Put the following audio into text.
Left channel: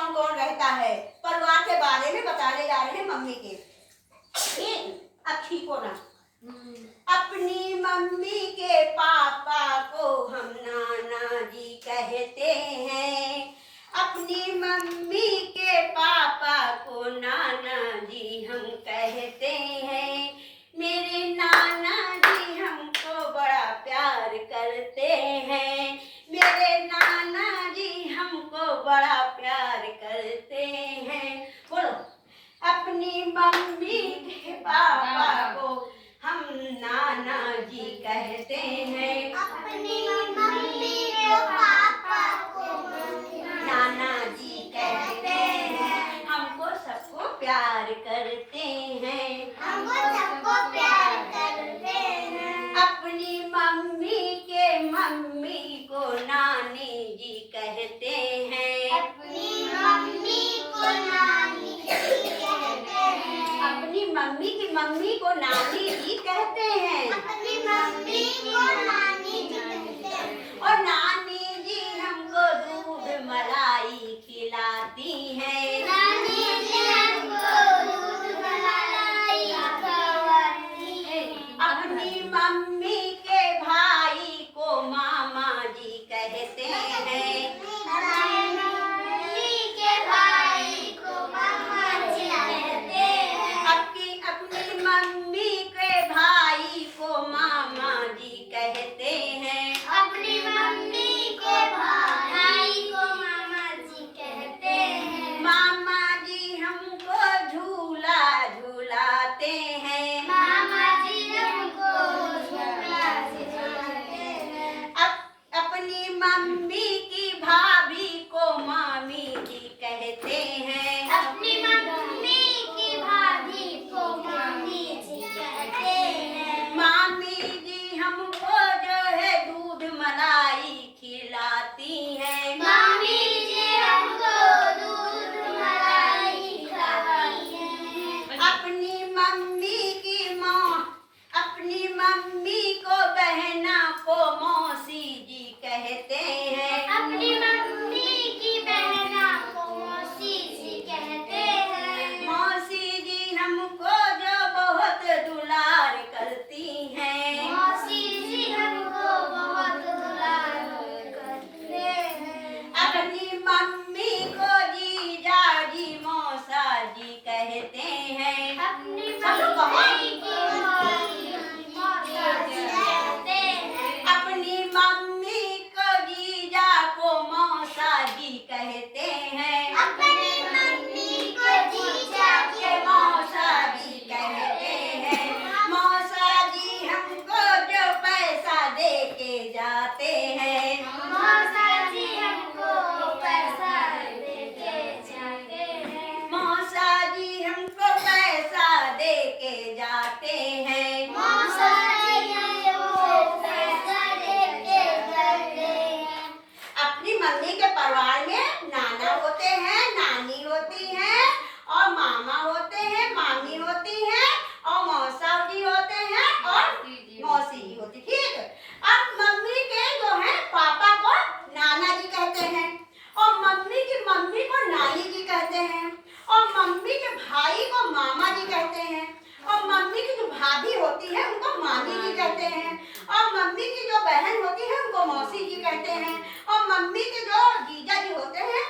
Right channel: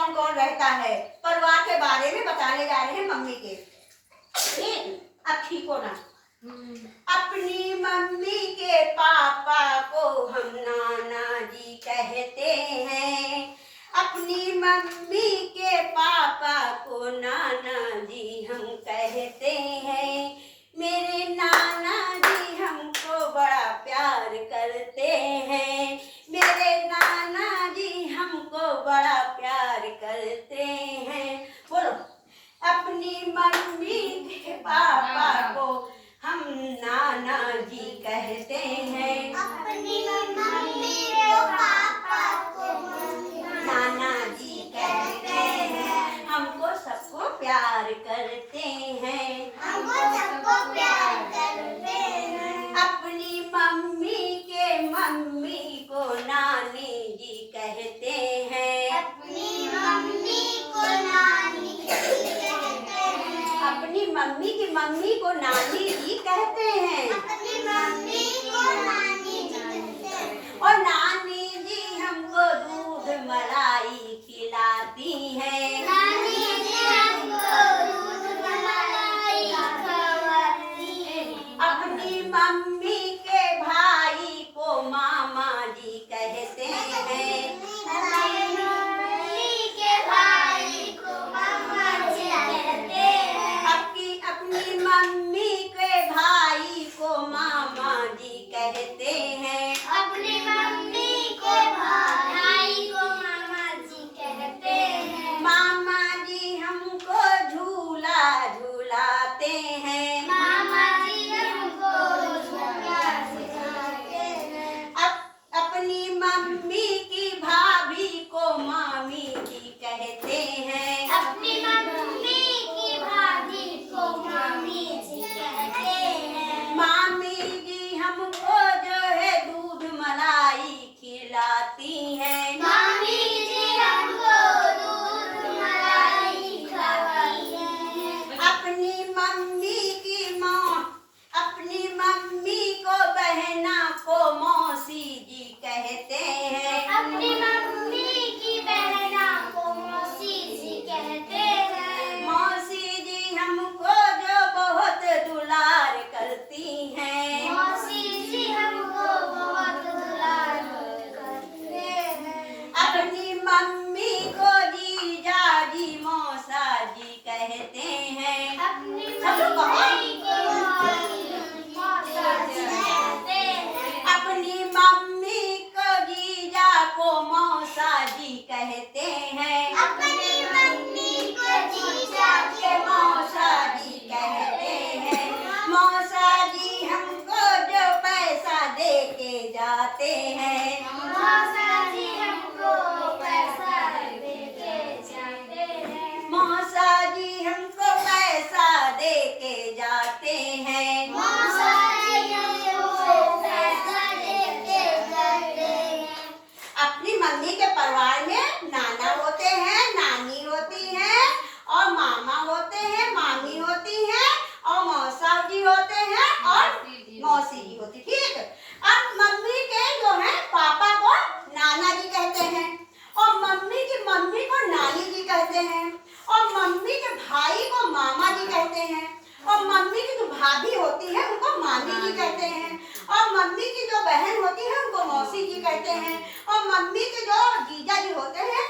कौन कौन रहता है, परिवार के बारे में बताने जा रहे हैं मम्मी के। ठीक, अब ठीक हो ना। अपनी मम्मी के पापा को हम नाना जी कहते हैं, अपनी मम्मी के पापा को नाना जी हम कहते हैं। मेरे नाना जी हमको बड़ा प्यार करते हैं, मेरे नाना जी हमको बड़ा प्यार करते हैं। बोलो, अपनी मम्मी के पापा को हम नाना जी कहते हैं, अपनी मम्मी के पापा को नाना जी कहते हैं। हमको सबको प्यार करते हैं, हमको सबको प्यार करते हैं। अपनी मम्मी को नानी जी कहते हैं, अपनी मम्मी को नानी जी कहते हैं। अपनी मम्मी को नानी जी कहते हैं। अपनी मम्मी को नानी जी कहते हैं। और नानी जी हमको दूध मलाई खिलाती हैं, नानी जी हमको दूध मलाई खिलाती हैं। अपनी मम्मी के भाई को मामा जी कहते हैं, अपनी मम्मी के भाई को मामा जी कहते हैं। अपनी मम्मी के भाई को मामा जी कहते हैं। अपनी मम्मी के भाई को मामा जी कहते हैं। मामा जी हमको झूला झूलाते हैं, मामा जी हमको झूला झुलाते हैं। अपनी मम्मी की भाभी को मामी जी कहते हैं, अपनी मम्मी की भाभी को मामी जी कहते हैं। मामी जी हमको जो है दूध मलाई खिलाती हैं, मामी जी हमको दूध मलाई खिलाती हैं। अपनी मम्मी को बहना को मौसी जी कहते हैं, अपनी मम्मी की बहना को मौसी जी कहते हैं। मौसी जी हमको जो बहुत दुलार करती हैं, मौसी जी हमको बहुत दुलार करते हैं। अपनी मम्मी को जीजा जी मौसा जी कहते हैं, अपनी मम्मी को मौसा जी कहते हैं। अपनी मम्मी को जीजा को मौसा जी कहते हैं, अपनी मम्मी को जीजा के मौसा जी कहते हैं। मौसा जी हमको जो पैसा दे के जाते हैं, मौसा जी हमको पैसा देके जाते हैं। मौसा जी हमको पैसा दे के जाते हैं। मौसा जी हमको पैसा देके जाते हैं। अपनी मम्मी के परिवार में नाना होते हैं, नानी होती है, और मामा होते हैं, मामी होती है, और मौसा जी होते हैं, और मौसी जी होती। ठीक, अब मम्मी के जो है पापा को नाना जी कहते हैं, और मम्मी को नानी जी कहते हैं, और मम्मी के भाई को मामा जी कहते हैं, और मम्मी की जो भाभी होती है उनको मामी जी कहते हैं, और मम्मी की जो बहन होती है उनको मौसी जी कहते हैं, और मम्मी के जो जीजा जी होते हैं